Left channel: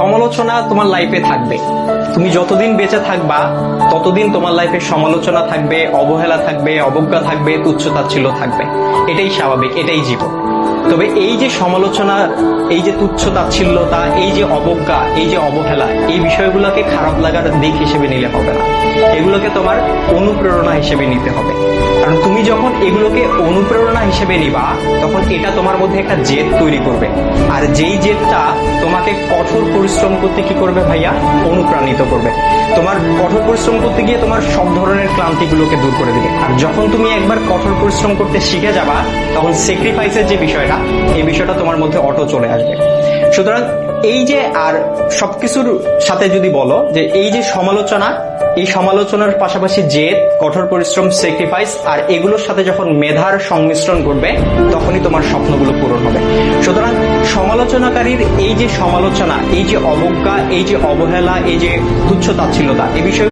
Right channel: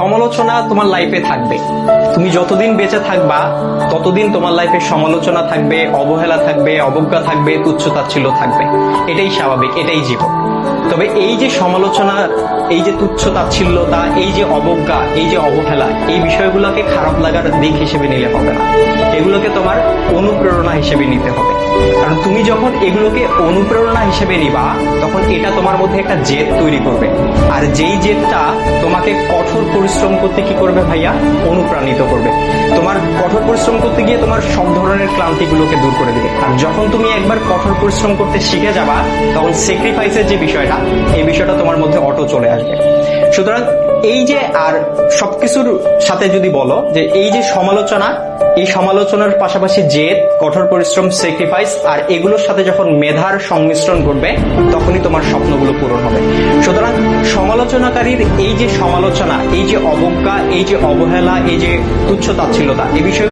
সমালোচনা তোমার লাইফে থাকবে। তুমি যতদিন বেঁচে থাকবা ততদিন তোমার লাইফে সমালোচনা থাকবে, অবহেলা থাকবে, অবজ্ঞা থাকবে, তুচ্ছতাচ্ছিল্য থাকবে। এটাই স্বাভাবিক, এটাই জীবন। তবে এই যে সমালোচনা, এই যে তুচ্ছতাচ্ছিল্যতা, এই যে অবজ্ঞা, এই যে অবহেলা, এই বিষয়গুলোকে খারাপ লাগার দিক হিসেবে নিলে হবে না। এগুলোকে তোমার অনুপ্রেরণা হিসেবে নিতে হবে। কারণ তুমি যখন এগুলোকে অনুপ্রেরণা হিসেবে নিবা, তখন এটা তোমার মধ্যে একটা জেদ তৈরি করবে। আর যেই জেদটা তোমাকে কঠোর পরিশ্রম করতে কি করবে ভাইয়া? অনুপ্রাণিত করবে। তোমার কঠোর পরিশ্রম করতে গিয়ে তোমার সব ধরনের ক্লান্তিগুলোকে দূর করে দিবে। আর যখন তুমি একবার কঠোর পরিশ্রম করতে শিখে যাবা, তখন স্যাক্রিফাইসের যে বিষয়টা, এই বিষয়টা তোমার মধ্যে অটো চলে আসবে। সুতরাং এই যে, আর সবকিছুর সাথে যদি বলো যে এই যে সমালোচনা, এই সমালোচনার পাশাপাশি জেদ, কঠোর পরিশ্রম, স্যাক্রিফাইস, আর এগুলোর সাথে যখন মেধার সংমিশ্রণ ঘটবে, তখনই তোমার স্বপ্নগুলো পূরণ হবে। সুতরাং সমালোচনাকারীর এই যে সমালোচনা, এই যে অবজ্ঞা, এই যে অবহেলা, এই যে তুচ্ছতাচ্ছিল্যতা, এই বিষয়